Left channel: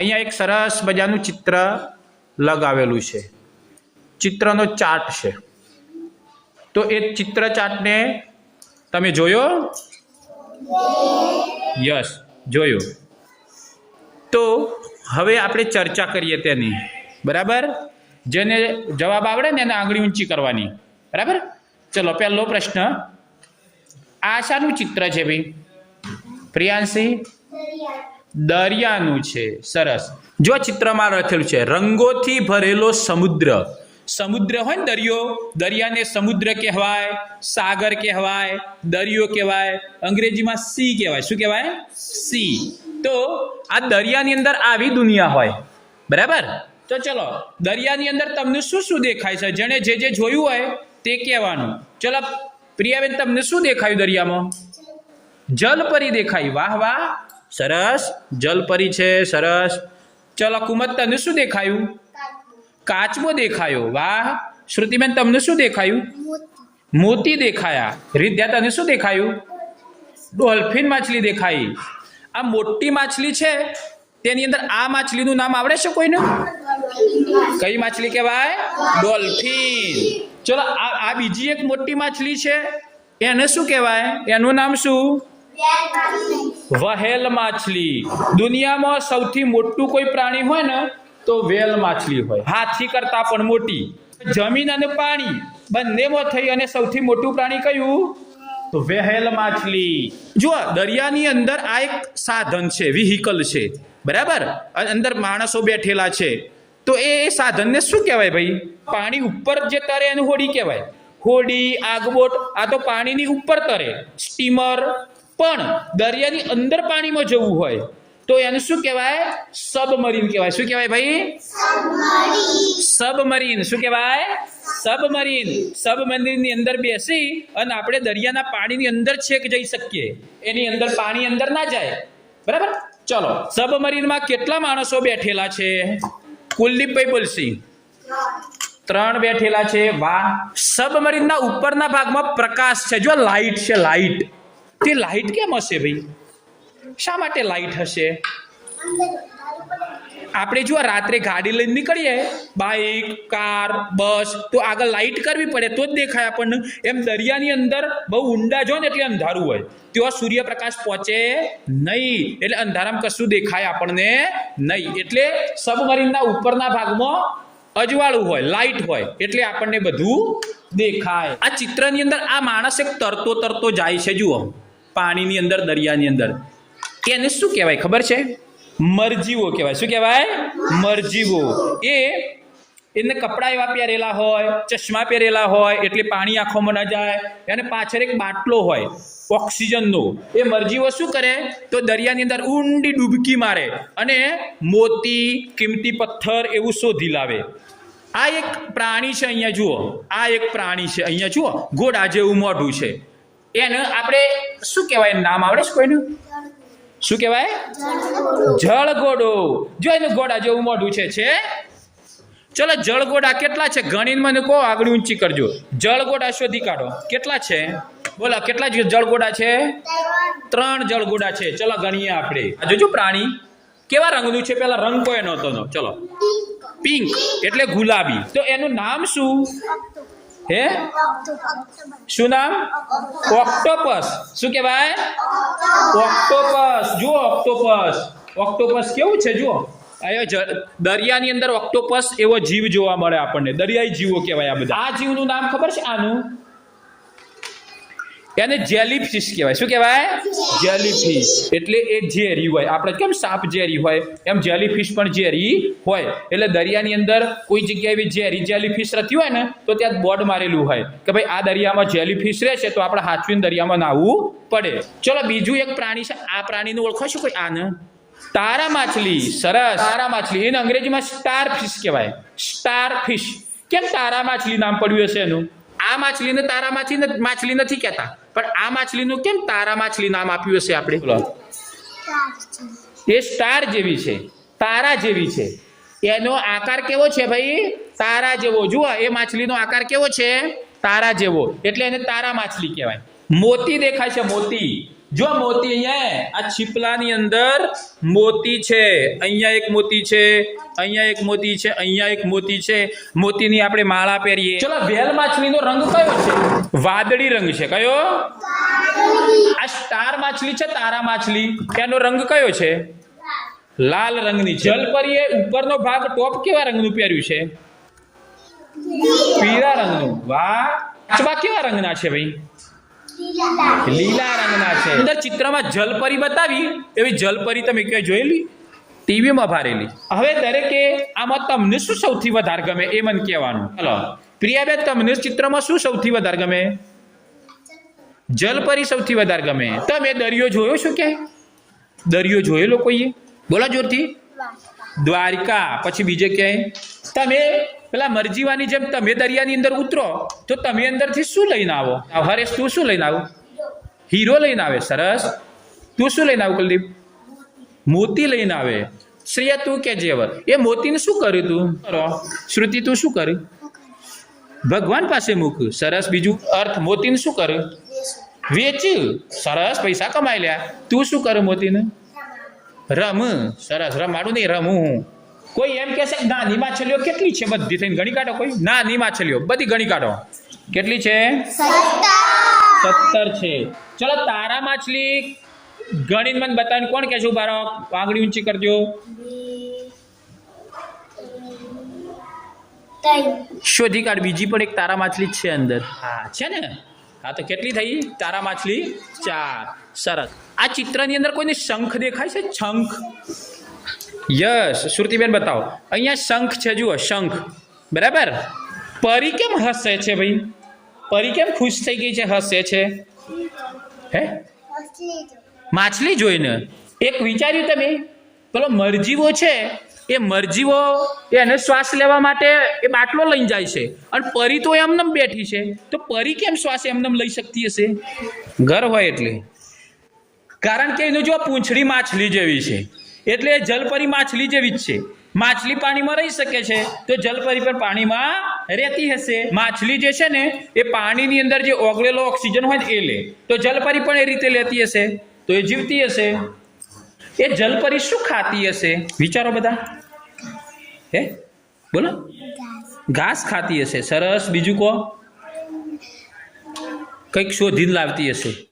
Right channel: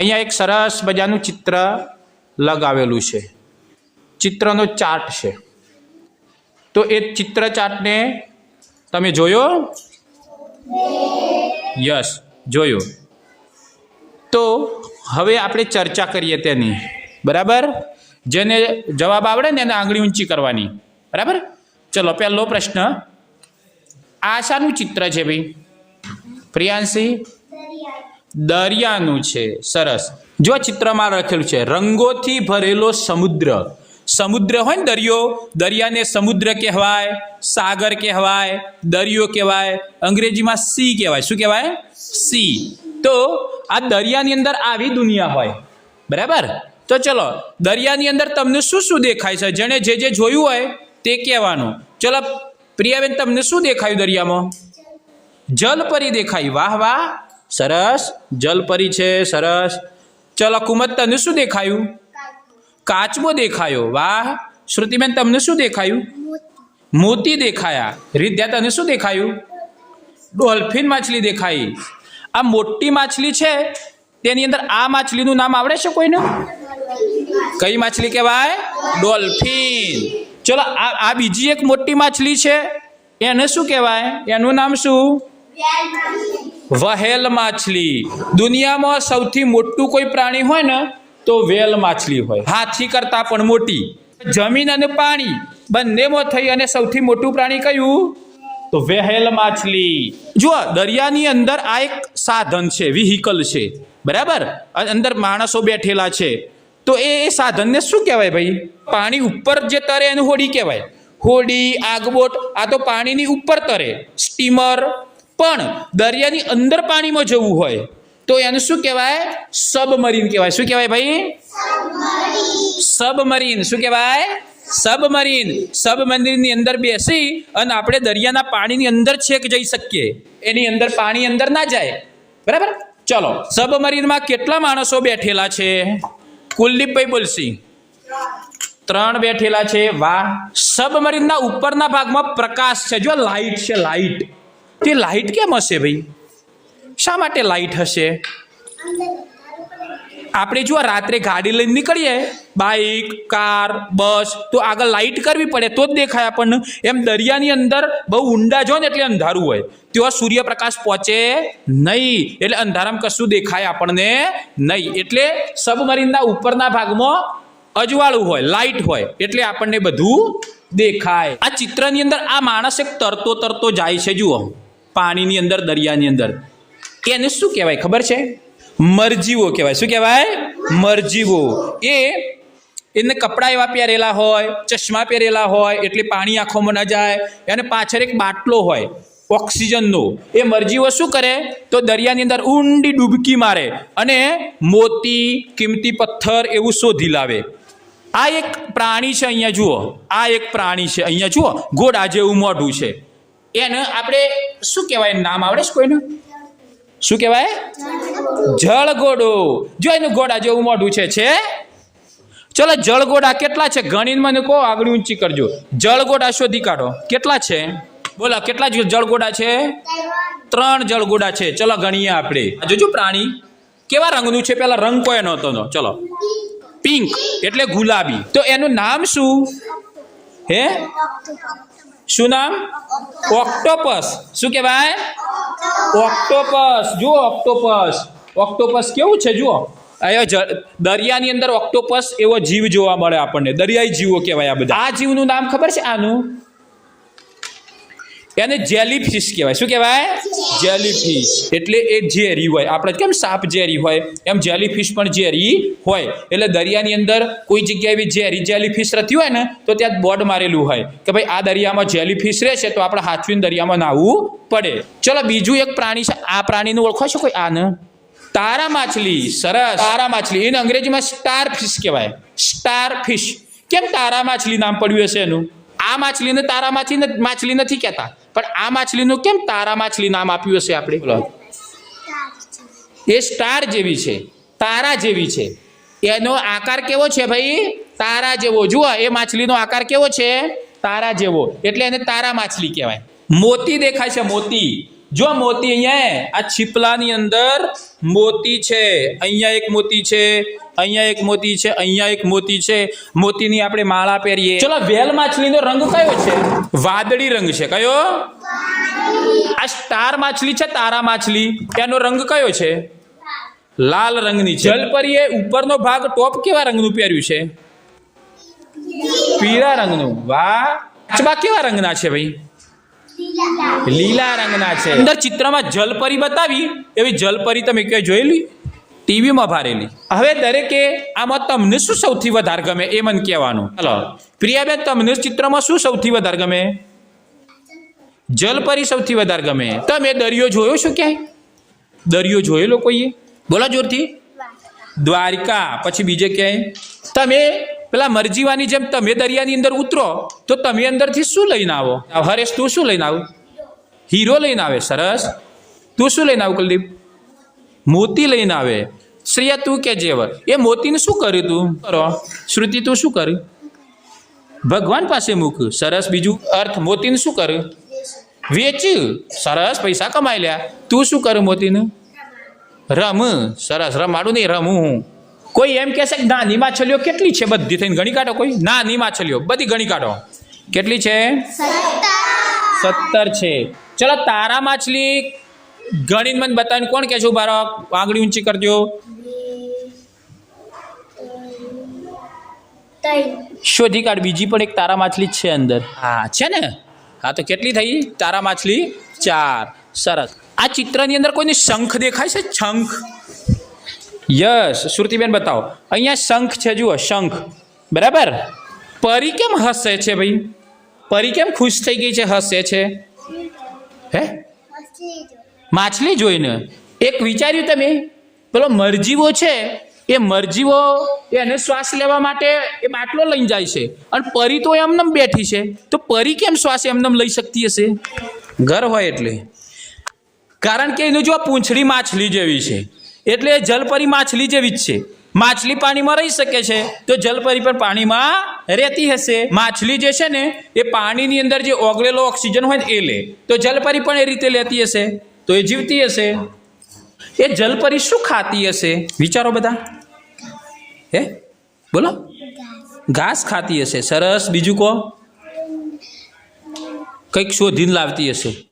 અહીંયા એક સરસ મજાનું ચિત્ર લગાવેલું છે. ચિત્રનો ચાર્ટ છે. તો એ ચિત્ર ચાર્ટને તમે જોયો? યસ, જોયો. તો હવે આપણે ચર્ચા કરીએ તેની. બરાબર? જેને જવાબ આવડે ને એને આંગળી ઊંચી કરવાની. બરાબર? ચલો, પહેલો પ્રશ્ન. આશાનું ચિત્ર છે ભાઈ. પ્રિયાંશી દરિયાનું છે, સરસ. જો ચિત્રમાં લખેલું છે, રંગોથી ભરેલો સમુદ્ર. સમુદ્ર હોય ને દરિયો, દરિયાને સમુદ્ર કહેવાય, સાગર કહેવાય, દરિયો કહેવાય, અંગ્રેજીમાં સી કહેવાય. શું કહેવાય? સી. તો આ દરિયાની અંદર આવી દુનિયા હોય. બરાબર? તો ચલો, દરિયાની અંદર તમને શું શું દેખાય છે? જેણે જે જે જોયું હોય તે કહેવાનું. ચલો, પ્રિયાબેન, તમને શું દેખાયું દરિયામાં? જલપરી દેખાઈ વાહ વાહ. સરસ. જલપરી છે, સરસ. ચલો કુમત તને શું દેખાયું? કાચબો દેખાયો. વાહ. શ્રુતિબેન, તમને શું દેખાયું? મોતી દેખાયા. રીધ્યા તને શું દેખાયું? ડોલ્ફિન માછલી દેખાઈ. આ મોટી માછલી છે. તેની અંદર આ માછલીનું નામ આવડે છે કોઈને? કઈ માછલી કહેવાય? ડોલ્ફિન. ચલો, આ આ બીજી એક મોટી માછલી છે. એને શું કહેવાય? એનું નામ શું? વહેલ માછલી. દુનિયામાં સૌથી મોટું કોઈ પ્રાણી હોય ને, તો વેલ માછલી હોય. હાથી કરતાં પણ મોટી. જમીન અને પાણી બંનેમાં થઈ અને સૌથી મોટું પ્રાણી કયું? તો વહેલ માછલી. જુઓ, દરિયાની અંદર આ એક સાધન છે વિહિકલ છે. બરાબર? અંદર માણસો બેઠેલા છે. તો એ સાધનને શું કહેવાય ભાઈ? પાણી ઉપર જે તરે એને હોડી કહેવાય. હોડી, આગબોટ, આ તો પાણીની ઉપર તરે. સ્ટીમર પણ દરિયાની અંદર પાણીમાં જવું હોય, તો એનું શું કહેવાય? સબમરીન કહેવાય. શું કહેવાય ભાઈ? સબમરીન. શું કહેવાય? સબમરીન. સબમરીનની અંદર બેસી અને આપણે દરિયાના પાણીની અંદર છેક જઈ શકીએ. એની અંદર પાણી અંદર ના જાય. બરાબર? ચલો. સબમરીનમાં કેટલા માણસો બેઠેલા છે? કુલદીપભાઈ બોલસી ત્રણ બેઠેલા છે. વાહ. સબમરીનના ઉપરના ભાગમાં પ્રકાશ છે. જો લાઈટ છે લાઈટ તે લાઇટ કેમ હશે ભાઈ? શા માટે લાઈટ હશે? આપણે જો રાત્રે ગાડી લઈને નીકળીએ બાઇક કાર, બસ, તો આગળ લાઇટ કરવી પડે, તો જ દેખાય આપણને. એમ દરિયાની અંદર બહુ ઊંડા જો ને એટલે અંધારું હોય. ત્યાં સૂર્યપ્રકાશ પહોંચે નહીં. એટલે અંધારામાં કશું દેખાય આપણને નહીં. એટલે સબમરીનના ઉપરના ભાગમાં અજવાળું હોય લાઇટ હોય, એટલે આપણને બધું દેખાય. આ ચિત્રની અંદર આ માણસ એક તરતો તરતો જાય છે, જુઓ. પાણીની અંદર દરિયાની અંદર. એને શું કહેવાય ખબર છે? મરજીવો કહેવાય. શું કહેવાય? મરજીવો. એ એને કપડાં એવા પહેરેલા હોય ચશ્મા પહેરેલા હોય એટલે પાણી આંખોમાં ન જાય અને પાછળ એક બાટલો હોય ઓક્સિજનનો. એ મરજીવો શું કરે? તો દરિયાની અંદર ઊંડી ડૂબકી મારે અને મોતી કિંમતી પથ્થર એવું શોધી લાવે. આ એક પ્રાણી છે અહીંયા જુઓ. આ એક પ્રાણી છે. અહીંયા જુઓ. ઘોડા જેવું મોઢું છે. એને આપણે શું કહેવાય? નામ આવડે છે કોઈનું? શું કહેવાય? જળગોડો. જો એનું ગોડા જેવું મોઢું છે છે? ચલો, જળગોડા કેટલા છે? ગણીને મને કહો, આગળ ઊંચી કરજો. જળગોડા શોધી કાઢો. કેટલા છે? બોલો, કેટલા જળગોડા છે? ત્રણ જળગોડા છે. ચલો, ગણીએ આપણે. આ જોજો પ્રાણી. કેવા રંગનું છે? પેલા રંગ કોઈ નહોતો ચલો. પિંક. એટલે ગુલાબી. તો એનું નામ શું? હે? શું નામ? ઓક્ટોપસ. શું કહેવાય? ઓક્ટોપસ. જુઓ ઓક્ટોપસ. ઓક્ટોપસ કેવું છે, જુઓ. અહીંયા દરિયાની અંદર ઓક્ટોપસ એવો જીવ જોવા મળે આપણને. દરિયાઈ જીવો કહેવાય આ બધા. આ જીવનું નામ ખબર છે આનું? એને જેલીફિશ કહેવાય. શું કહેવાય? જેલીફિશ એટલે એ ઝેરી હોય. આપણે કેમ સાપ ઝેરી હોય? એમ જેલીફિશ પણ ઝેરી હોય. એટલે દરિયાની અંદર કોઈ જગ્યાએ એવી ઝેરી જેલીફિશ રહેતી હોય ને, તો ત્યાં બોર્ડ મારેલું હોય. કે ભાઈ, આ દરિયામાં જેલીફિશ રહેશે તો આપણે હાથવીને દરિયામાં નાહવું પડે. ચલો, બીજું એક પ્રાણી છે. આ પ્રાણીનું ઓળખો છો કોઈ? આને તારા માછલી. સરસ. તારા માછલી. એને અંગ્રેજીમાં સ્ટાર ફિશ કહેવાય. સ્ટાર ફિશ કેમ તારા માછલી નામ પડ્યું હશે એનું? આ માછલીને તારા માછલી માછલી નથી કહેતા. પણ આ માછલીનું કેમ તારા માછલી નામ આપ્યું હશે આપણે. એ સ્ટાર જેવી છે તારા જેવી છે. એનો આકાર કેવો છે ભાઈ? તારા જેવો. જુઓ એ માછલીનો આકાર કેવો છે? તારા જેવો. એટલે એને તારા માછલી કહેવાય. મોતી દેખાય છે મોતી. જો મોતી અહીંયા આ છીપલાની અંદર મોતી છે અહીંયા એક મોતી છે અહીંયા એક મોતી છે અહીંયા એક મોતી છે. મોતીની આપણે માળા પહેરીએ. ચલો વેલ માછલીનો રંગ કયો છે? વાદળી રંગ છે. કયો? આ સ્ટાર માછલી છે તારા માછલી. એનો રંગ કયો છે? લાલ રંગની જલપરીએ ઉપરનો ભાગ ટોપ કેવા રંગનું પહેર્યું છે? પીળા રંગનું. વાહ. કાચબા કેવા રંગના છે ભાઈ? લીલા રંગના છે. અંદર ચિત્રમાં જલપરી બતાવી એવી જલપરી તમે ક્યાંય જોયેલી? ટીવીમાં ભારેલી. હવે દરેકે આમાં તમને શું સૌથી વધારે ગમે એ મને કહેવાનું. ચાલો પ્રિયાબેન તમને ચિત્રમાં શું સૌથી વધારે ગમે? જલપરી સૌથી વધારે ગમે. તમે દરિયો જોયો છો ક્યાંય? દરિયો જોયેલો કોઈએ? બોલો જોરથી. દ્વારકા. પછી બીજે ક્યાંય? તમે પેલા મરજીવાની જેમ તમે દરિયાની અંદર ઉતરો, તો તમે અંદરથી શું લઈને આવો? હરેશ, તું શું લઈને આવું? હીરો લઈને આવે, સરસ. તું શું લઈને આવું, કુલદીપ? મોતી લઈને આવે. શ્રેયા, તું કે જેવ એ મોતીને શું કર્યું તું? કરો. શ્રુતિ, તું શું કર્યું? ભગવાન પાસે મૂક સરસ. બીજું અર્થ, મોતીને શું કર્યું? વેચ્યું. સરસ. પૈસા કમાઈ લ્યા. તું શું કરું મોતીને? રમ. સરસ. રમાડું નહીં, રમું. હું કોઈ એમ કહેશે કે નાની માછલીઓ કેટલી છે બધી થઈને? ગણી કાઢો કોઈ? નાની માછલીઓ બધી ગણી કાઢો. કેટલી છે? સત્તર છે. ચલો, તારા માછલી ગણીને મને બતાવીને કોણ કહેશું બાળક આંગળી ઊંચી કરજો. શોધી કાઢ. બીજી પણ એક તારા માછલી છે અંદર. હા, છે ને? હા, તો કેટલી થઈ? તારા માછલી ચાર. સરસ. આ ચિત્રની અંદર કોઈને શંખ દેખાય છે? શંખ. યસ શ્રુતિબેન બતાવો. અહીંયા શંખ છે જુઓ શંખ. બરાબર? પરી કેમ હસે છે ભાઈ? પરી કેમ ખુશ થઈ ગઈ છે હસે છે? હે? માછલી જોઈને. એક વિચાર્યું તમે? પેલો મરજીવો છે એ મરજીવો એને શ્વાસ લેવા માટે એ બાટલો લઈને જાય છે. અને પરી તો એમનેમ બેઠી છે. તો પરી કેમ શ્વાસ એમનેમ લઈ શકતી હશે? ઘર હોય એટલે. કારણ કે એનું જો પૂંછડી માછલી જેવી છે. એટલે જલપરી માછલી જેવી જ છે. માછલી પાણીમાં રહી શકે છે, તો જલપરી પણ પાણીમાં રહેતી હશે. માછલી જે છે ને, એ પાણીની અંદર જે ઓગળેલો ઓક્સિજન હોય એ લે. તો જલપરી પણ એ રીતે લેતી હશે, તો એ જીવતી હશે. એ જલપરી શું ખાતી હશે? વિચારો બધા. હે? બોલો. ઘાસ ખાતી હશે. સરસ. બીજું કહો. કંઈક શોધીને લાવતી હશે.